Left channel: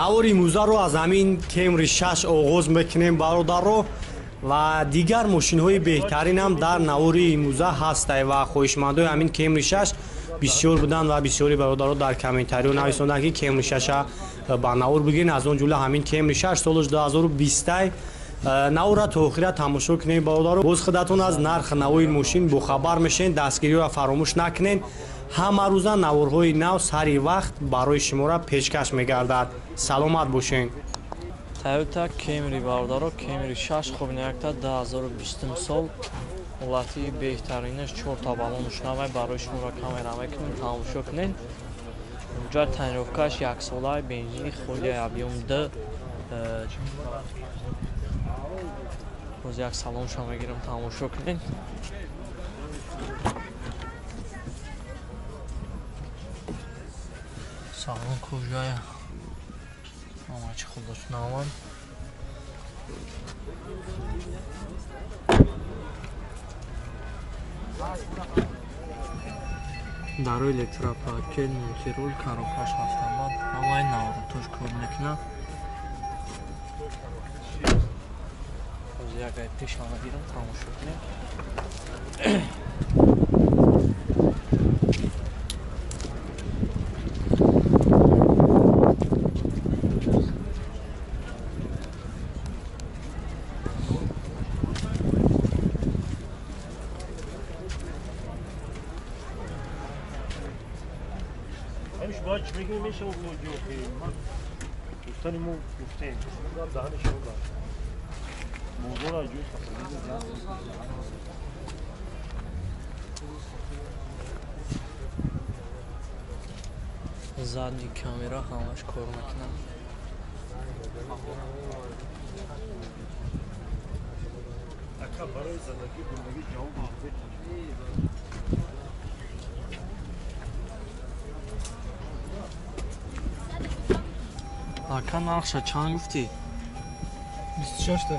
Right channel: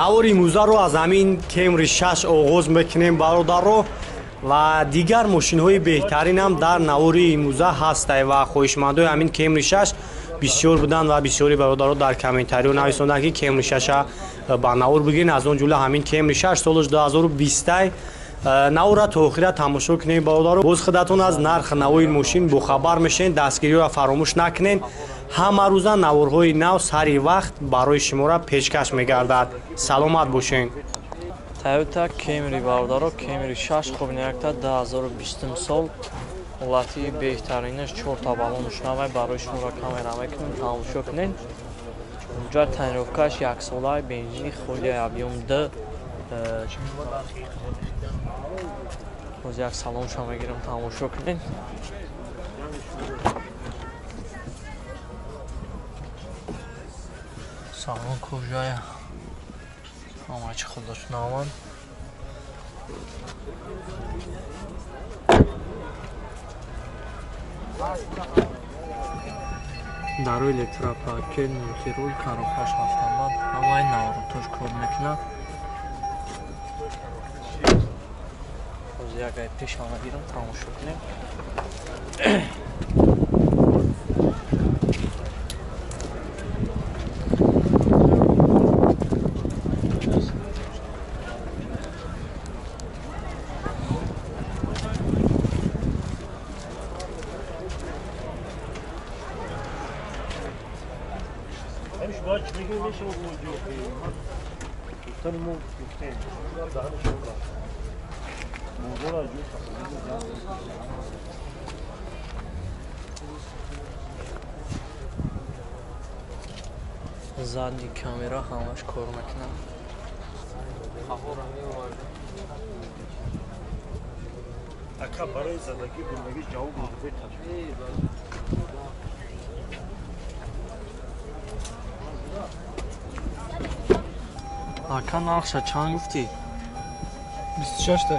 навори имрӯзаро аз ҳамин Camry 6 оғоз мекунем бародаро ва дигар мошинҳои беҳтаринам дар навори имрӯза ҳастанд ва хоҳишмандои ҳамин Camry 6 бисёр буданд ва бисёри бародаро дар комментариҳо нависонданд ки Camry 6 ба навор бигирин, аз он ҷумла ҳамин Camry 6 соли 2020 навора то охира тамошо кунем бародаро. боз худатон аз нархи навои мошин бохабар мешавед, дастгириро фаромӯш накунед. ҳама рӯза наворҳои нав сари вақт барои шуморо пешкаш мегардад. саломат бошед. Toyota Camry бародаро, Camry 6 хубинакта 2020 сол ҳолати беҳтаринаш 4 та балонш навай барои шуморо камера мекунем, тамошо кунед. Инҷа тайинровкаш 1 сола бензини холияи объем D. боз як салонша мегирам, тамошо кунед. салон кӯжая ҳамачи худошунаванд. дару электропакет, мультирул, коробкаш автомат, ҳамаи наврутош кор мекунад. ҳозир як ай пеша мегирам, тамошо кунем. باید بگیم میشه اون موضوع من گفتن ما گفتیم دهن شما موضوع را جوش задни камера ҳамаш кор мекунад. ака барои задагӣ гундагӣ ҷавоб мавзӯи ака нархша чанд гуфтӣ? 26 та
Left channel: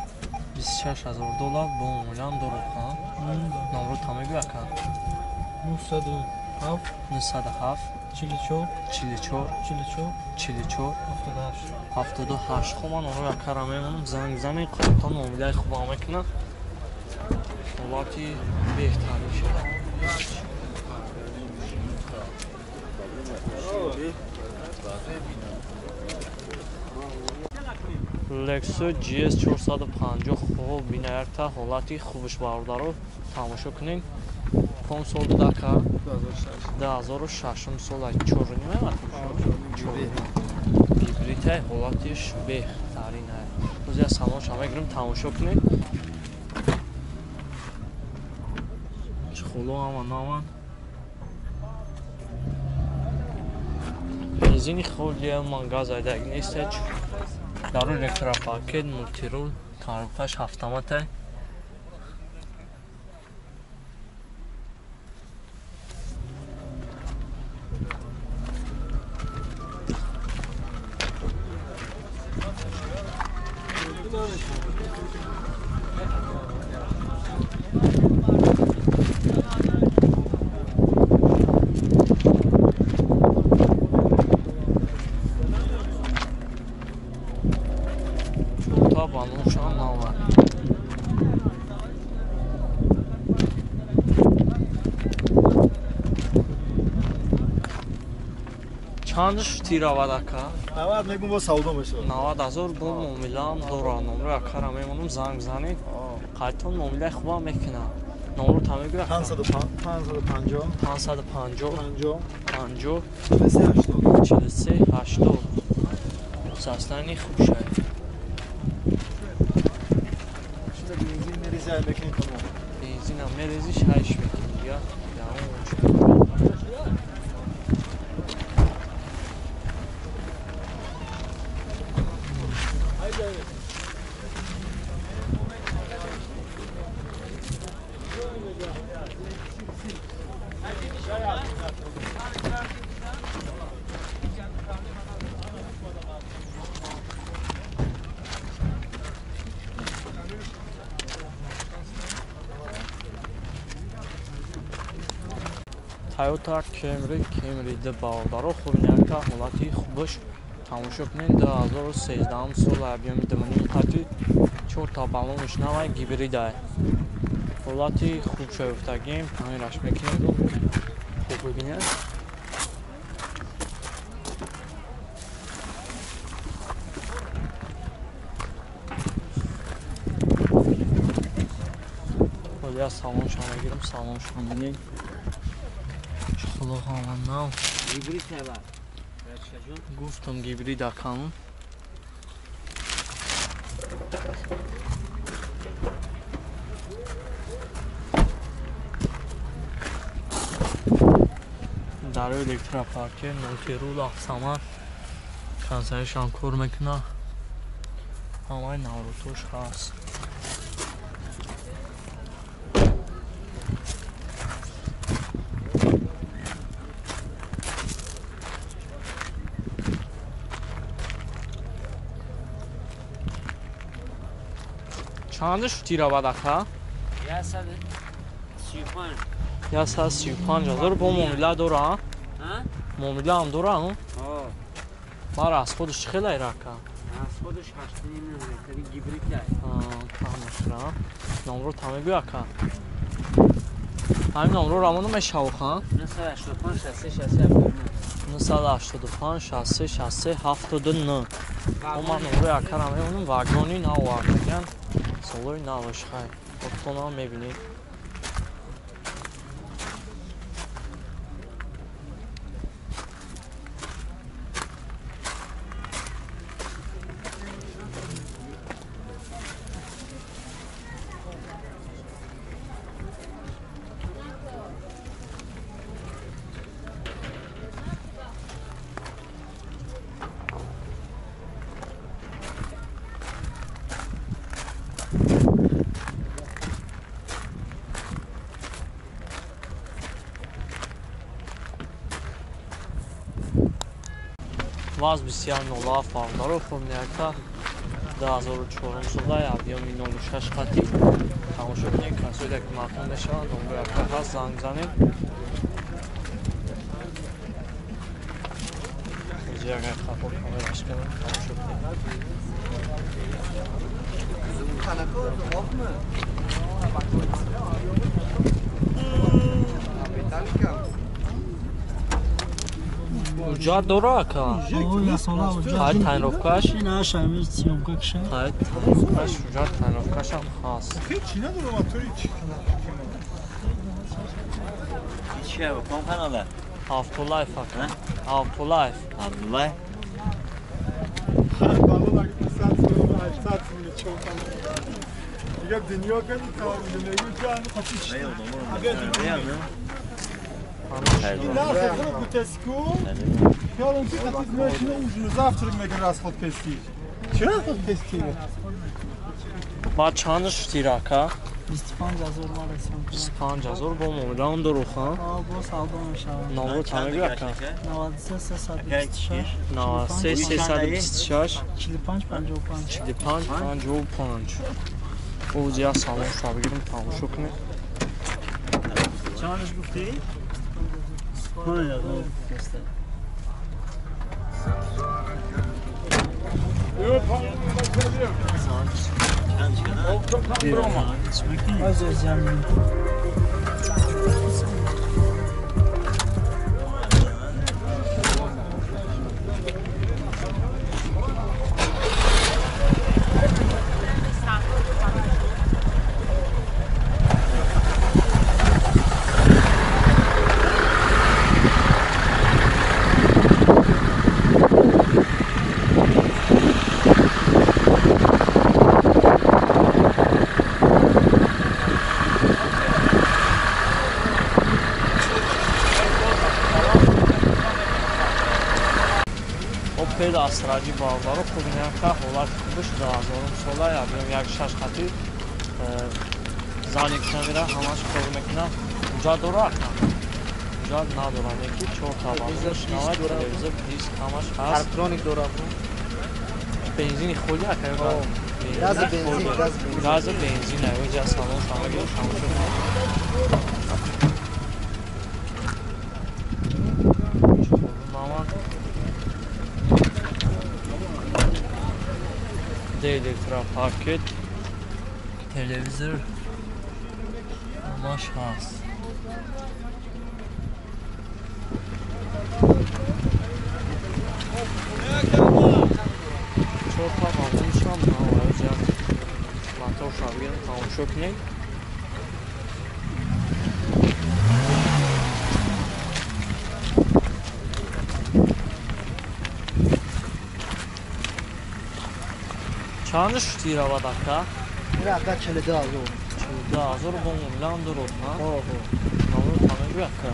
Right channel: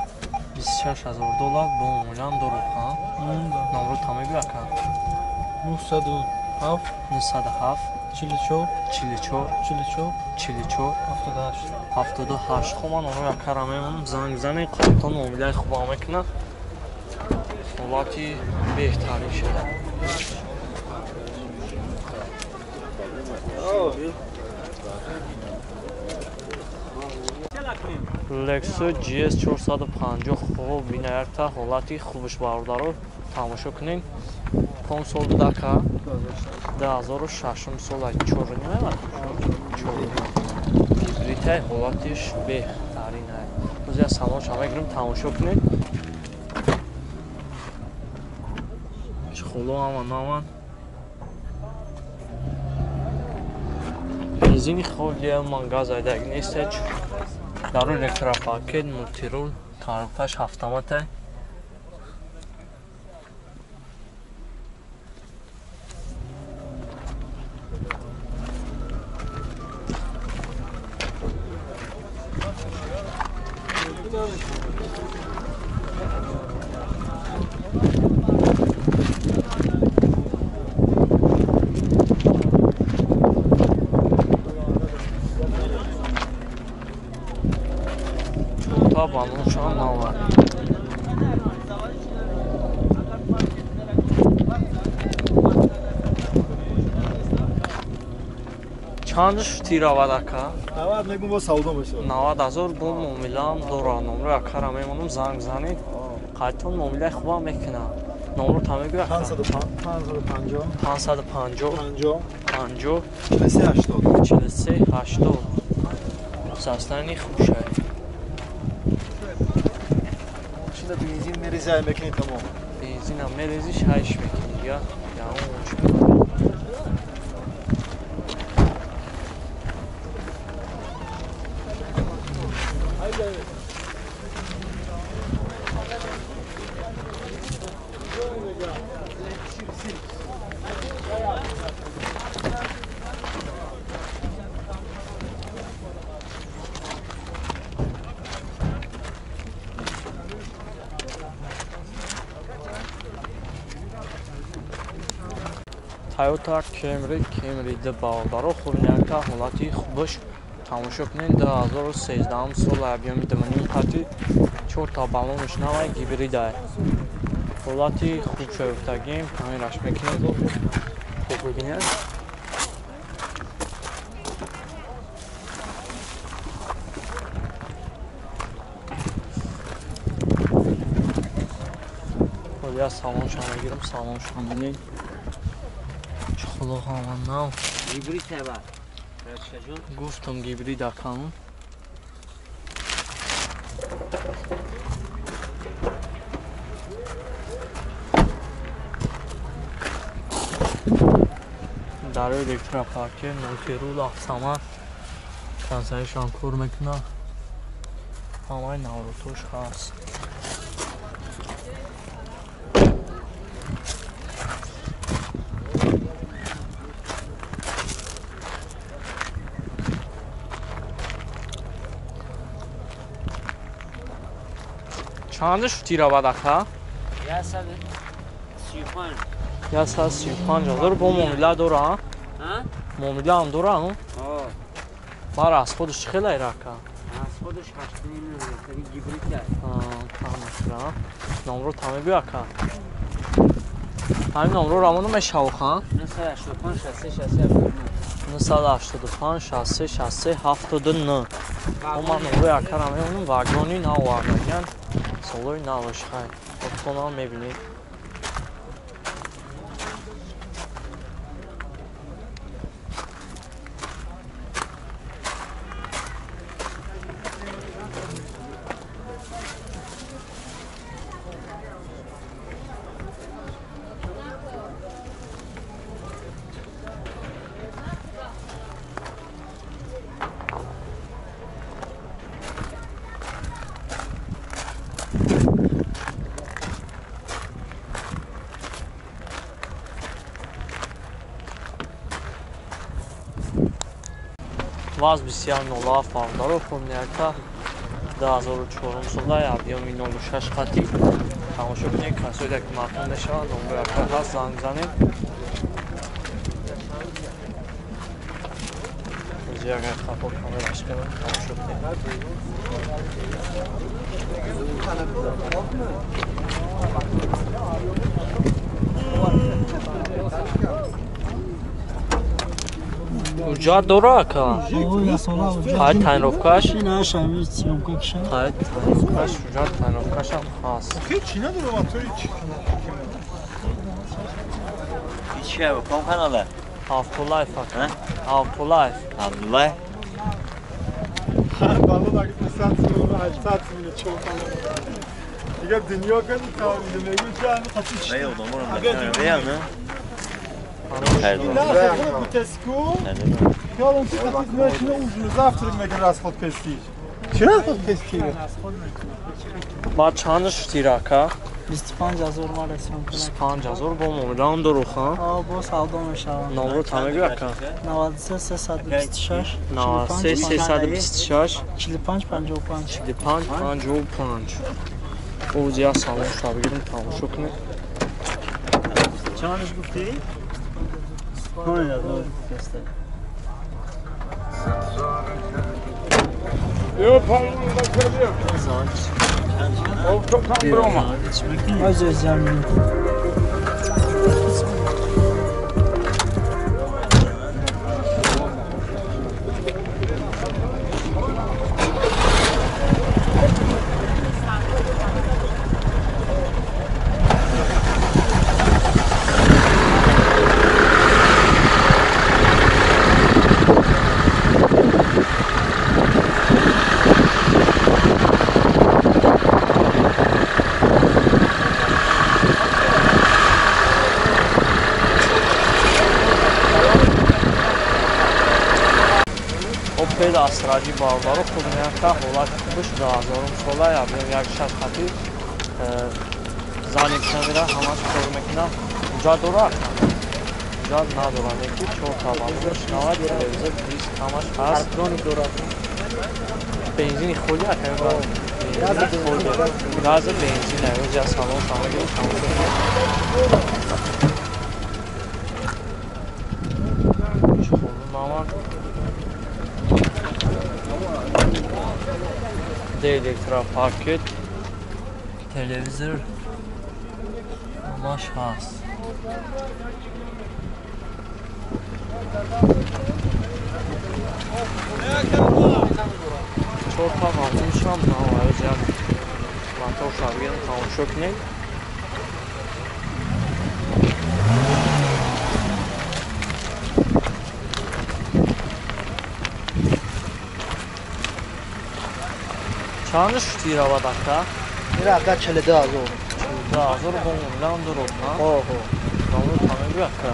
$26,000 бо муомилаам дорад. номро та мегӯй ака. 907 907 44 44 44 44 78 78. хуб ман онро якара мемонам, занг бизанед, қоятон муомилаи хубам мекунад. ҳолати беҳтарин шуда. Lexus GS 450 хуб бинаякта ҳолати хубаш бародаро, тамошо кунед. ком сол будака? 2006 сола 4 немаят. 4 гибридай ҳолатиш беҳтарин аст. боз як салонша мегирам, тамошо кунед. чхоло ҳама наванд. бензини холия ман газ айдаг нестеч. дару электропакет, мультирул, коробкаш автомате. балоншон навад. чандш тиравад ака? 90 мегум бо савдо мешавад. 90,000 бо муомилаам дорад. номро якара мемонам, занг бизанед. қайтон муомилаи хубам мекунад. номро та мегӯй ака? 550 550 50 43 80 састани хубшай. шуда бензин мереза мекунӣ тамом. бензинам мерезиш ҳайш мекунӣ я? Toyota Camry D бародаро, хуб някта ҳолати хубаш тамошо кунед 2013 соли объёми диманим қати 4 та баллонаш навай гибридай ҳолати хуб шуфтагим тамираш мекунем хуб бибинед ҳолия салоншон мегирам салоншон бинед худоҳаманнав гибрид теба гуфтам гибрид акам дар электропарке нотерул афсаман консаишон кор мекуна ҳамаи наврутош ҳаст чандаш тирабад ака 135 000 бо муомила дора муомила ҳам дора бар аз худаш чӣ хеле рака тамашра номро тамегӯ ака ҳамин номро равона мешавуха 985 60 60 79 ман номрои акара меонам вагони навовардагиян солои навошхай отхона мебинед ваз бисяр нола фардаро фурнияка 2004 солаи объёми 06 қати тамошо кунед касоида ки махмун мешавад номро яка ҳаст занг занед ягай қапо камераш кунем тамошо ҳуҷҷат дора ака ҳай тайинровкаш ҳай тайинровкаш ҳуҷҷат тайинровкашам ҳаст автолайф ака автолайф دیگه دنیا کنی تا زندگی جان خطیش این نه خود بوتسکو خیالم که خطیز میشنه اونجور زفتر میگن راست خود پستی چرا خود پستی؟ баъд чандаш тирака 25000 ма расем 25000 бо муомилаам дорӯха бо савдо мешавад номро тамегӯ ака 93 326 45 55 45 55 ӯзия салом шуа бигирем тамошо кунед чандаш гуфтӣ опел асраҷи бародаро хубняка ҳолати хубаш 2000 солаи объём 16 қати зани камера ҳамаш кор мекунам ҳуҷҷат дора ака ҳуҷҷат надорад ки 4 табалонаш 90 телевизор диск ҳамаш ҳаст электроник дора бензини худи ака газа бензин ӯзи аз салон шамагирем тамошо кунед D elektropaket, televizor, maş hast. Çorta qalmışam, nə var, cəm. Motor şargını tamaşa etmək. Çanış tiravadakta. Iraqa 42 azor. Da azor bundan durutna. Ho. Nolu tanıyıb yakka.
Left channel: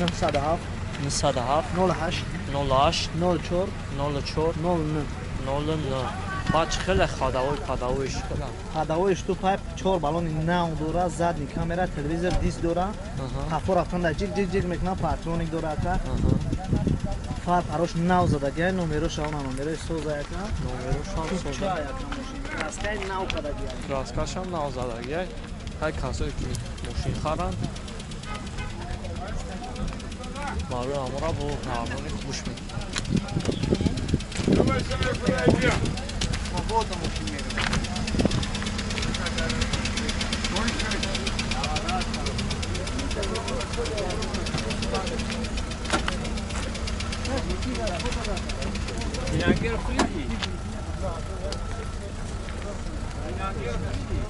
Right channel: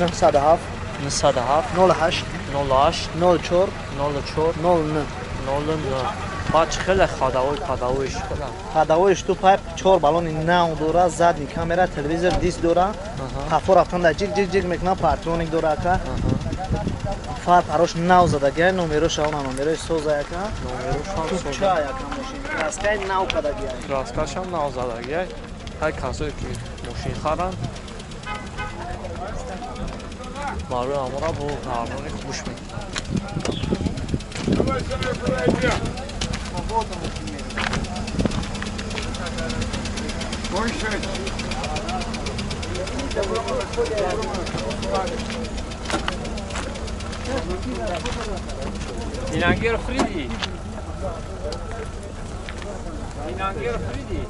907 Nisadahaf 08 08 04 04 09. 09. Baç xele xadavoj xela. Xadavoj tu payp 4 balon نو دورا задни камера телевизор диск дора. Хафор автанда жиг мекна патроник дора ка. Фар парош нав зада ге номерош она номерош соза яка. Номерош ҳам Ча соза. яка машин. Краскай нав када ге. Краскашам навзадаги. Ҳай касое ки мошин харанд. Барои амора бо барноми хуш мекунанд. Inanger Friedi. Inanger Friedi.